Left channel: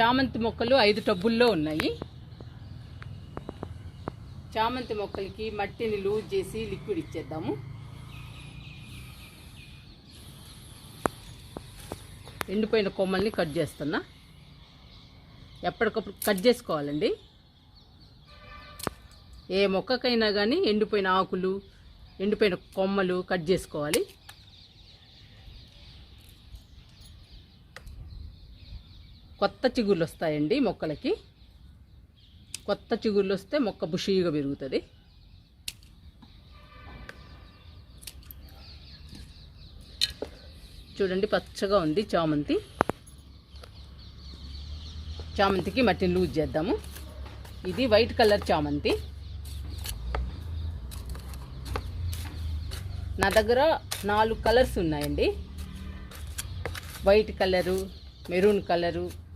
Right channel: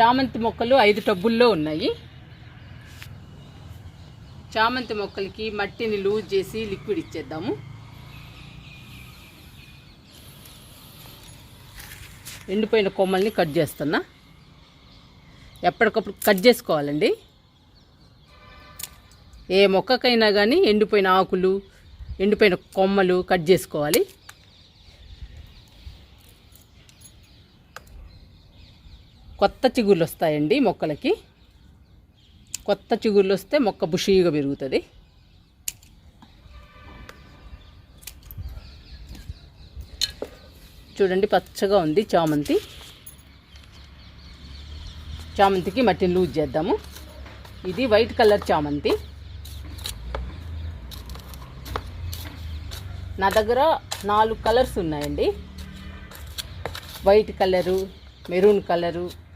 చామంతి మొక్కలు ఐదు టబ్బుల్లో ఉన్నాయి. చామంతి మొక్కలకి మట్టిని లూజ్ చేసి లిక్విడ్ ఇచ్చేద్దాము. ఎండిపోయిన కొమ్మల్ని కట్ చేస్తున్నా. ఎప్పటికప్పుడు కట్ చేసుకోవాలండి. ఏ మొక్కకైనా కానీ ఎండిపోయిన ఆకులు ఎండిపోయిన కొమ్మలు కట్ చేసుకోవాలి. కొత్త చిగుర్లు వస్తాయండి మొక్కలకి. కొత్త చిగుర్లు వస్తే మొక్క బుషీగా పెరుగుతుంది. చూడండి పచ్చగా ఉంది చామంతి. చామంతికి మట్టిని లూజ్ చేద్దాము. ఇది వైట్ కలర్ చామంతి. నా దగ్గర నాలుగు కలర్స్ ఉన్నాయండి. White colour maroon colour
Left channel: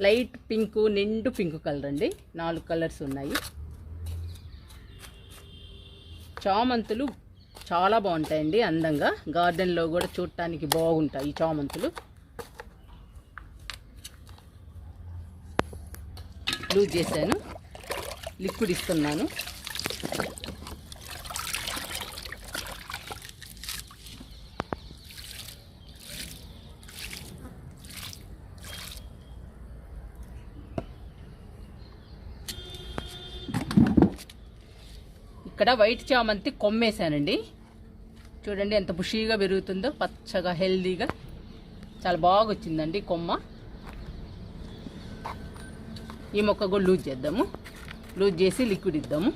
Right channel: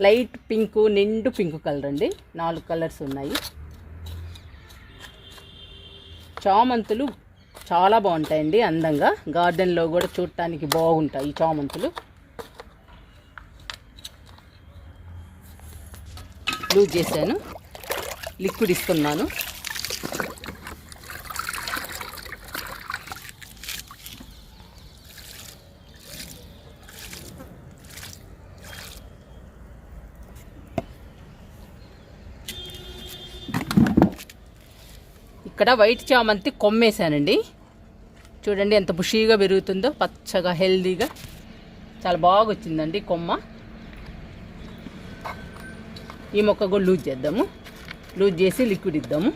light pink నిండు పింక్ కలర్ అండి. నాలుగు కలర్స్ ఉన్నాయి. చామంతులు చాలా బాగుంటాయండి అందంగా. గార్డెన్లో కూడా చూడటానికి బాగుంటాయి ఈ చామంతులు. లూజ్ చేశాను. లిక్విడ్ ఇస్తున్నాను. ఇక్కడ వైట్ చామంతి కొమ్మేశానండి. చూడండి ఎంత బుషీగా పెరుగుతుందో పచ్చగా హెల్దీగా. చాలా బాగా వచ్చిందండి కొమ్మ. ఈ మొక్క కూడా లూజ్ చేద్దాము. లూజ్ చేసి లిక్విడ్ ఇద్దాము.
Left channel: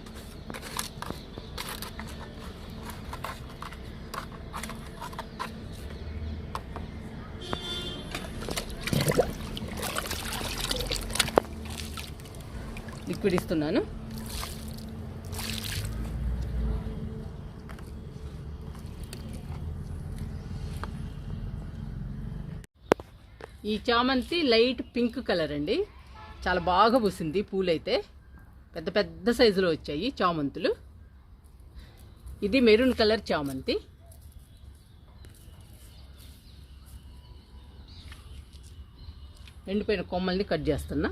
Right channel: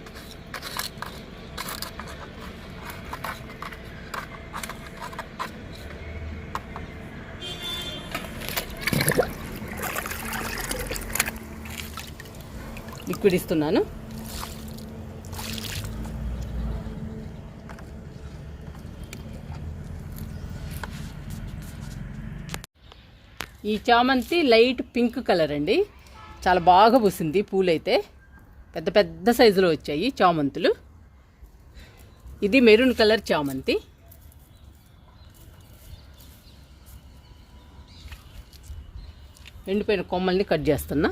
లిక్విడ్ ఇస్తున్నాను. ఈ చామంతి లైట్ పింక్ కలర్ అండి. చాలా బాగా పూసింది పూలైతే. పెద్ద పెద్ద సైజులో వచ్చాయి చామంతులు. ఇది మెరూన్ కలర్ చామంతి. ఎండిపోయిన కొమ్మల్ని కట్ చేస్తున్నా.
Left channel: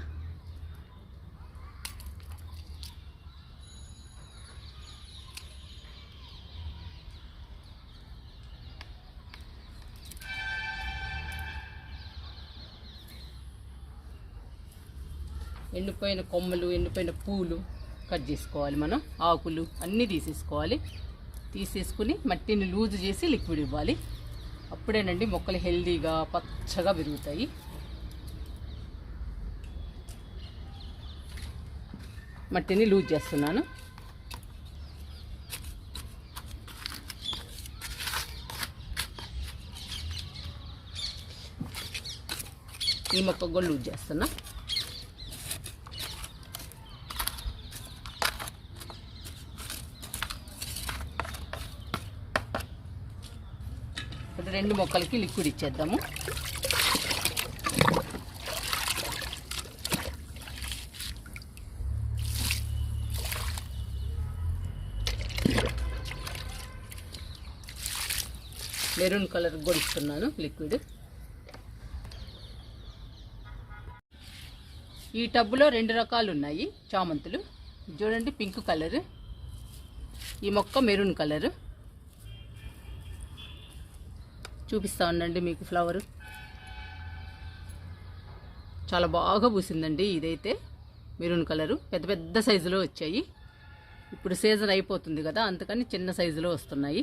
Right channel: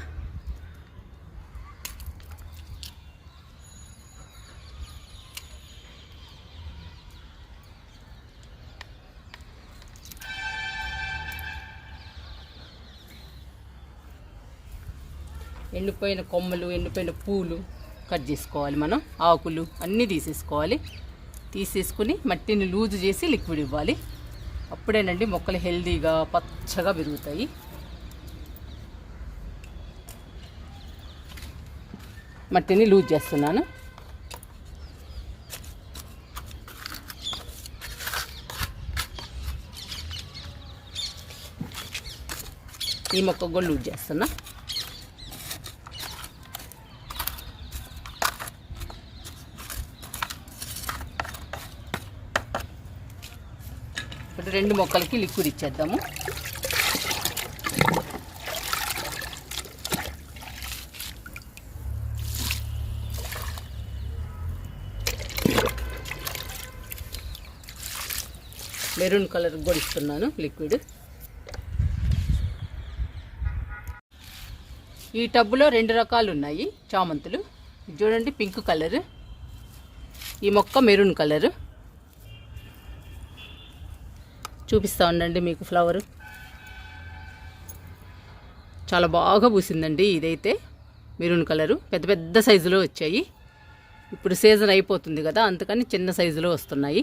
ఎండిపోయిన కొమ్మలు ఎండిపోయిన పూలు కట్ చేసుకోవాలి మనం. ఆకులు అన్నీ తీసేసుకోవాలి. తీసేసుకుని మట్టిని లూజ్ చేసి లిక్విడ్ ఇవ్వాలి. అప్పుడేనండి మొక్కలు హెల్దీగా పచ్చగా పెరుగుతాయి. మట్టిని లూజ్ చేస్తున్నాను. ఈ మొక్క కూడా లూజ్ చేస్తున్నా. ఇప్పుడు రెండు మొక్కలకి లిక్విడ్ ఇచ్చేద్దాము. మెరూన్ కలర్ కూడా ఇస్తున్నాను లిక్విడ్ ఈ టబ్బులో రెండు రకాలు ఉన్నాయి చామంతులు. చూడండి పింక్ కలర్. ఈ మొక్క మెరూన్ కలర్. చూపిస్తా ఉండండి మీకు ఫ్లవర్ చాలా బాగా పూసిందండి ఇదైతే. మెరూన్ కలరు పెద్ద పెద్ద సైజులో వచ్చాయి. ఇప్పుడు సీజన్ అయిపోతుంది కదా అందుకని చిన్న సైజులో వస్తున్నాయి.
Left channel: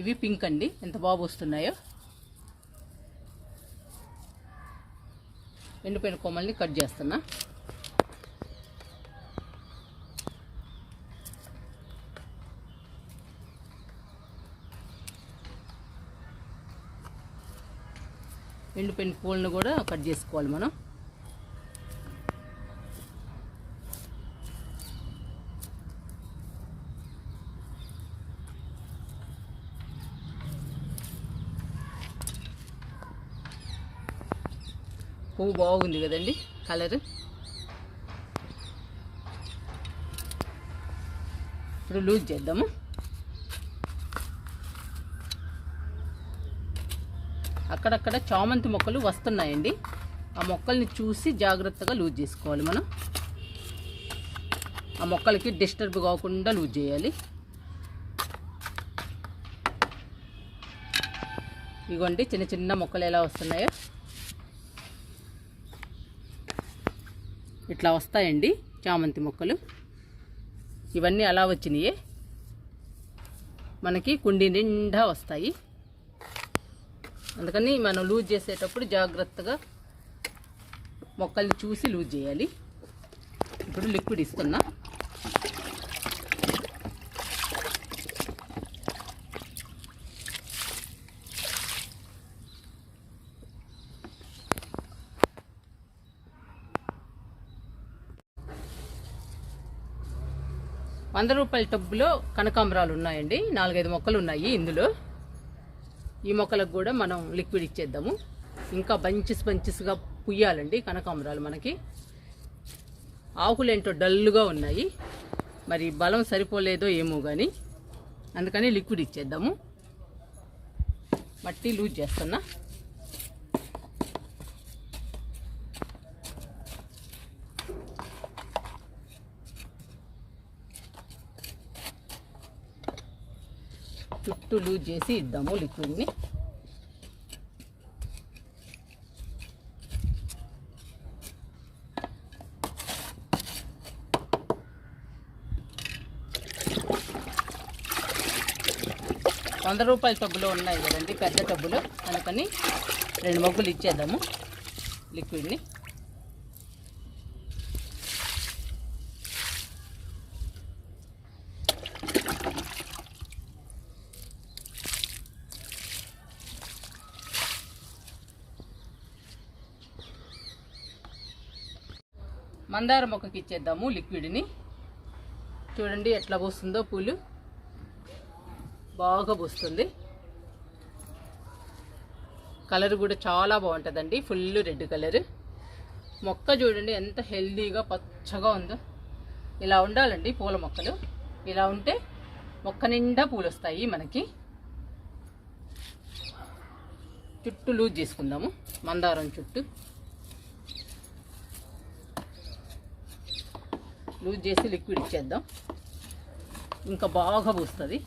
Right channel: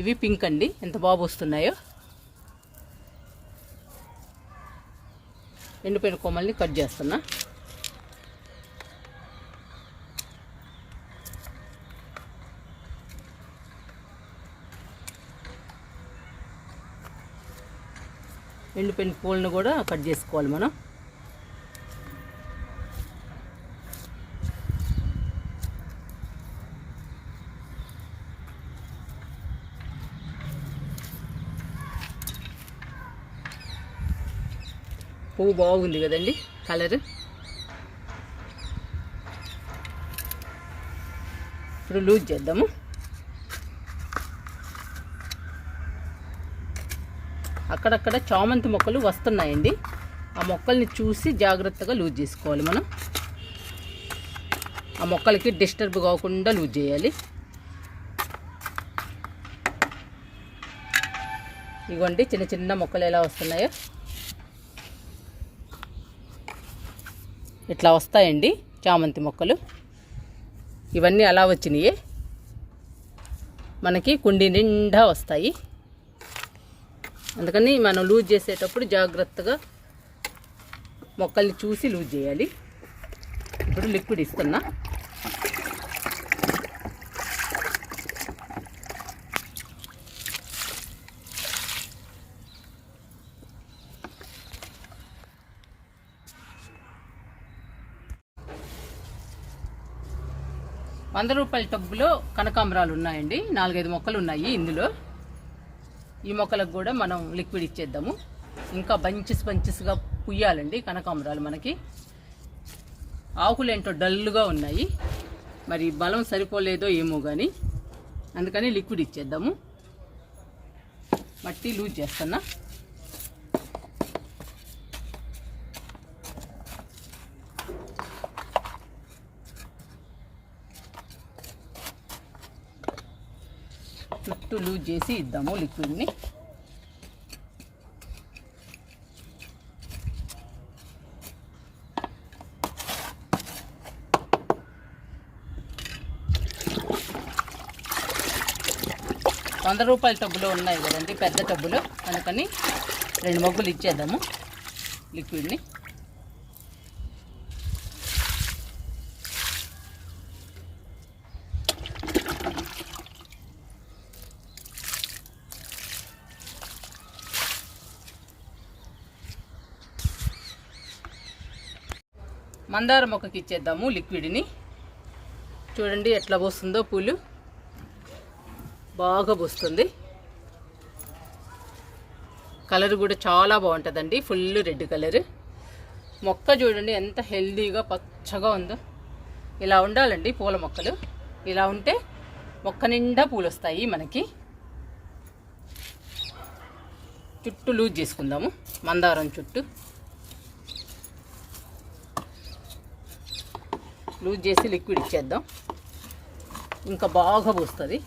ఇవి పింక్ అండి. ఎంత బాగా వస్తున్నాయో ఎండిపోయిన కొమ్మల్ని కట్ చేస్తున్నా. ఎండిపోయిన పూలను కూడా కట్ చేసుకోవాలి మనం. పువ్వు బాగుంది కదండి కలర్. ఇప్పుడు లూజ్ చేద్దాము. అక్కడక్కడ చామంతి మొక్కలు వస్తున్నాయండి. ఆ మొక్కల్ని చూసి జాగ్రత్తగా లూజ్ చేసుకోవాలి మనం. ఆ మొక్కలకి డిస్టర్బ్ కాకుండా లూజ్ చేయాలి. ఇగోండి చిన్న చిన్న మొక్కలు ఎలా వస్తున్నాయో. ఇట్లా వస్తాయండి చామంతి మొక్కలు. ఇవన్నీ అలా వచ్చినాయి. మనకి కుండి నిండా వస్తాయి. అందుకని మనం లూజ్ చేసేటప్పుడు జాగ్రత్తగా మొక్కల్ని చూసి లూజ్ చేయాలి. ఇప్పుడు లిక్విడ్ ఇస్తున్నా. వంద రూపాయల టబ్బులో కనకాంబరాలు ఉన్నాయండి. నాలుగైదు మొక్కలు ఉన్నాయి ఇందులో. ఈ మొక్కలకు కూడా మనం లిక్విడ్ ఇచ్చేద్దాము. ఇంకా బంచెస్ బంచెస్గా పుయ్యాలండి కనకాంబరాలు మనకి. ఆకులు ఏంటో డల్గా ఉన్నాయి. మరి బలం సరిపోలేదో ఏమో కానీ అందుకని లిక్విడ్ ఇచ్చేద్దాము. మట్టి లూజ్ చేస్తున్నా. చుట్టూ లూజ్ చేసి ఇద్దాము లిక్విడ్ని. వంద రూపాయల టబ్బులు ఉన్నాయి కదండి పెద్ద టబ్బులు. అందుకని రెండు మగ్గులు ఇచ్చేద్దాము లిక్విడ్ని. మందార మొక్కకి ఇచ్చేద్దాము లిక్విడ్ని. చూడండి ఎట్లా పోస్తుందో పూలు. బాగా పోస్తుంది. కలర్ కూడా చాలా బాగుంటుందండి ఫుల్ రెడ్ కలర్. మొక్క చూడండి ఎంత హెల్దీగా పచ్చగా ఉందో. ఇలా ఉండాలండి పూల మొక్కలు. ఇలా ఉంటే మొక్క నిండా పూలు వస్తాయి మనకి. చుట్టూ లూజ్ చేసుకుందాము మందారం చుట్టూ. లూజ్ చేసి లిక్విడ్ ఇచ్చేద్దాం. ఇంకా బాగా పూస్తుంది.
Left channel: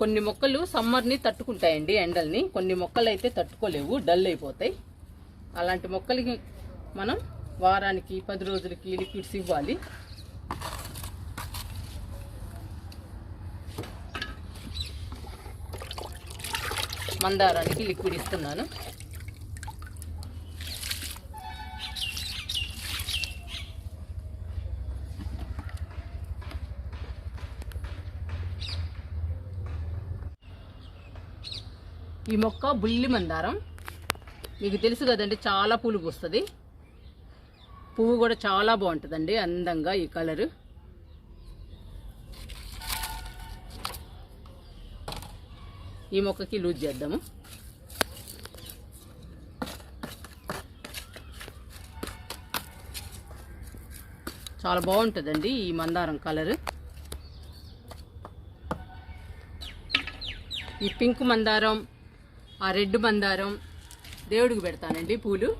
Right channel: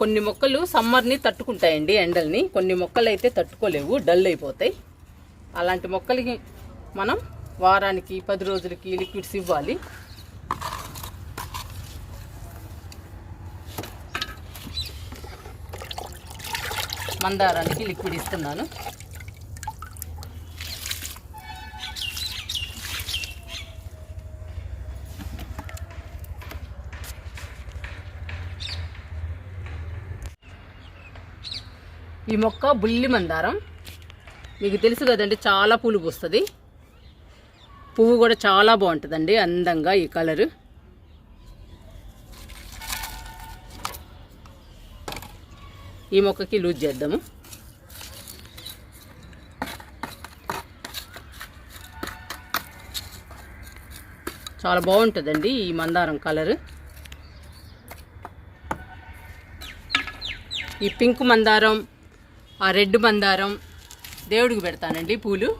కొన్ని మొక్కలు సమ్మర్ని తట్టుకుంటాయండి ఎండల్ని. కొన్ని మొక్కలు అయితే తట్టుకోలేవు డల్ అయిపోతాయి. అలాంటి మొక్కలకి మనం వారానికి పది రోజులకి లిక్విడ్స్ ఇవ్వాలి. మందారానికి లిక్విడ్ ఇస్తున్నాను. ఈ మొక్క బుల్లి మందారం. మీకు తెలుసు కదండి చాలా పూలు పూస్తుంది. పువ్వు కూడా చాలా బాగుంటుందండి అందంగా ఈ కలరు. ఈ మొక్కకి లూజ్ చేద్దాము. చాలా బాగుంటుందండి ఈ మందారం కలరు. ఈ పింక్ మందారం ఆ రెడ్ మందారం దేవుడికి పెడతానండి పూలు.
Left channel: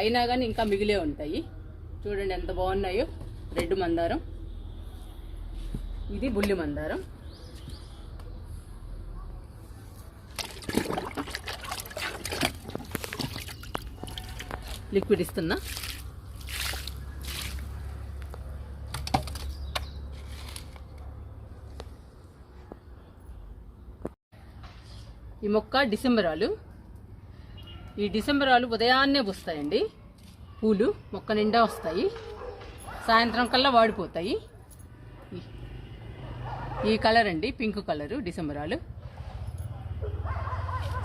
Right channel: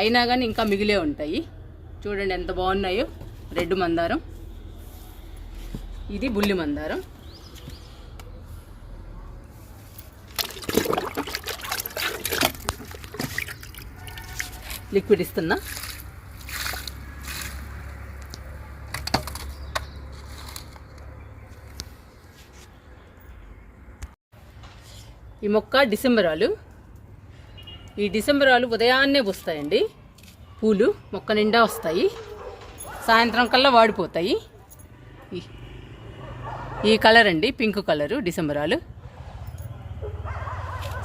అయినా కానీ ఇంకా మిగిలే ఉంటాయి. చూడండి ఎంత బాగున్నాయో. రెడ్ మందారం ఇది బుల్లి మందారం లిక్విడ్ ఇస్తున్నా. ఈ మొక్క డిసెంబరాలు. ఈ డిసెంబరాలు ఉదయాన్నే వస్తాయండి పూలు మొక్క నిండా వస్తాయి. సాయంత్రం కల్లా వాడిపోతాయి. ఈ- ఈ కలర్ అండి పింక్ కలరు డిసెంబరాలు.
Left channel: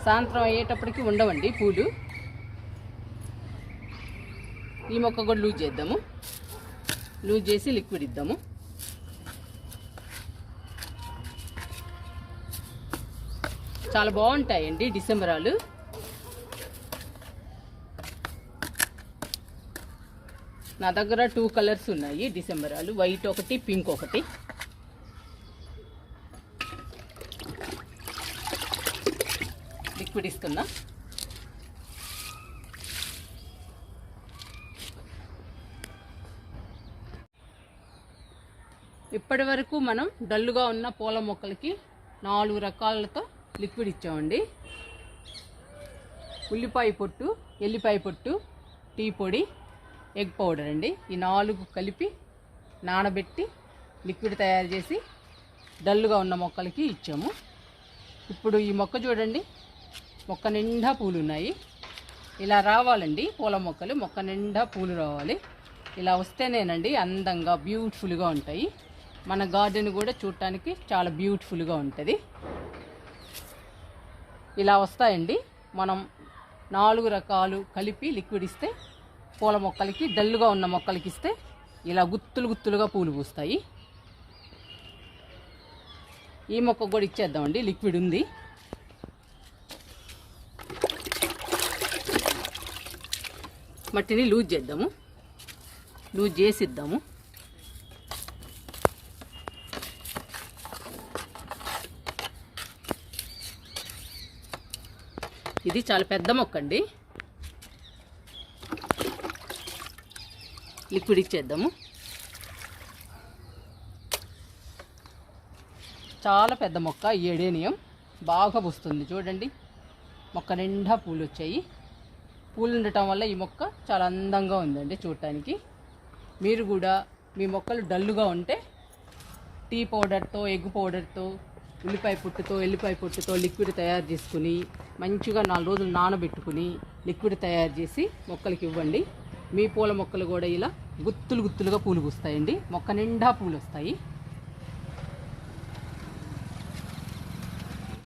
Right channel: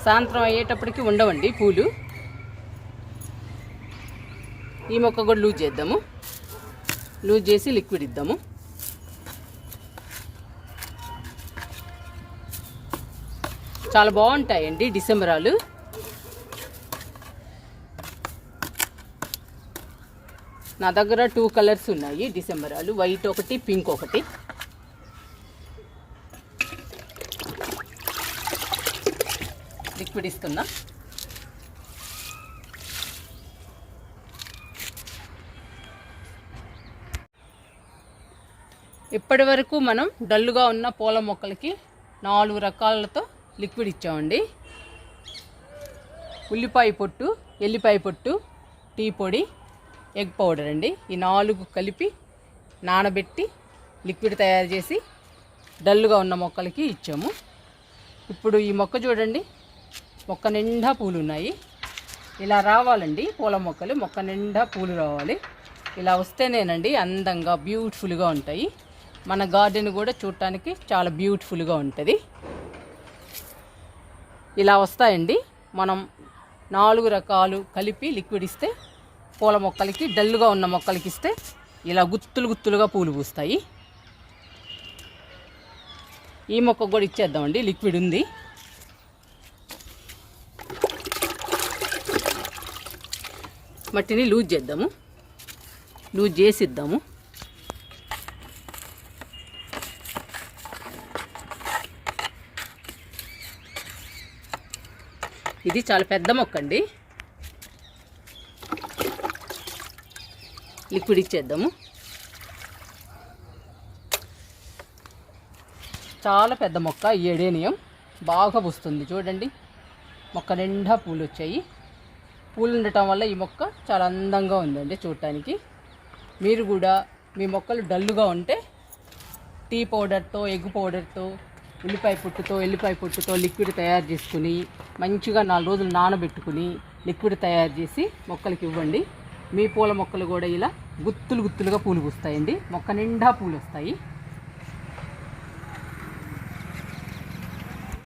సాయంత్రం అయ్యేటప్పటికి ఉండవండి పూలు. ఈ మొక్క కూడా లూజ్ చేద్దాము. లూజ్ చేసి లిక్విడ్ ఇద్దాము. చాలా బాగుంటాయండి డిసెంబరాలు. నా దగ్గర టూ కలర్స్ ఉన్నాయి డిసెంబరాలు. వైట్ ఒకటి పింక్ ఒకటి. లిక్విడ్ ఇస్తున్నా. ఇప్పటి వరకు మనం డల్లుగా ఉన్న పూల మొక్కలకి నాలుగు రకాలతో లిక్విడ్ ఇచ్చామండి. ఉల్లిపాయ పొట్టు ఎల్లిపాయ పొట్టు టీ పొడి ఎగ్ పౌడర్ అండి. ఈ నాలుగు కలిపి నానబెట్టి లిక్విడ్ తయారు చేసి డల్లుగా ఉన్న మొక్కలకి ఇచ్చాము. ఇప్పుడు ఈ మొక్క చూడండి మొక్క నిండా పూలు ఉన్నాయి. ఇలా రావాలండి పూల మొక్కలు మొక్క నిండా పూలు రావాలి. ఇలా వస్తేనేనండి అందంగా బ్యూటిఫుల్గా ఉంటాయి. మన గార్డెన్ కూడా చూడటానికి చాలా బ్యూటిఫుల్గా ఉంటుంది. ఇలా వస్తాయండి. మనం నాలుగు రకాలు కలిపి లిక్విడ్ ఇస్తే పూల మొక్కలకి డల్లుగా ఉన్న మొక్కలకి ఇస్తే ఇలా గుత్తులు గుత్తులుగా పూలు పూస్తాయి. ఈ మొక్క కూడా ఇచ్చేద్దామండి. లిక్విడ్ ఉంది. మట్టిని లూజ్ చేద్దాము. లూజ్ చేసి ఇది చాలా పెద్ద మొక్క అండి లిక్విడ్ ఇచ్చేద్దాము. చాలా పెద్ద మొక్క ఎడేనియం. బాగా పూస్తుంది చూడండి. మొక్క నిండా పూలు వచ్చాయి పూలు ఉండటం వల్ల ఈ మొక్క చాలా అందంగా ఉందండి చూడటానికి. మీరు కూడా మీ మొక్కలు డల్లుగా ఉంటే టీ పౌడర్తో ఎగ్ పౌడర్తో ఉల్లిపాయ పుట్టుతో ఎల్లిపాయ పుట్టుతో లిక్విడ్ తయారు చేసుకుని మంచిగా నాలుగు రోజులు నానబెట్టుకుని లిక్విడ్ తయారు చేసి మొక్కలకి ఇవ్వండి. మీ పూల మొక్కలు కూడా ఇలా గుత్తులు గుత్తులుగా పూలు పూస్తాయండి. మొక్క నిండా పూలు వస్తాయి.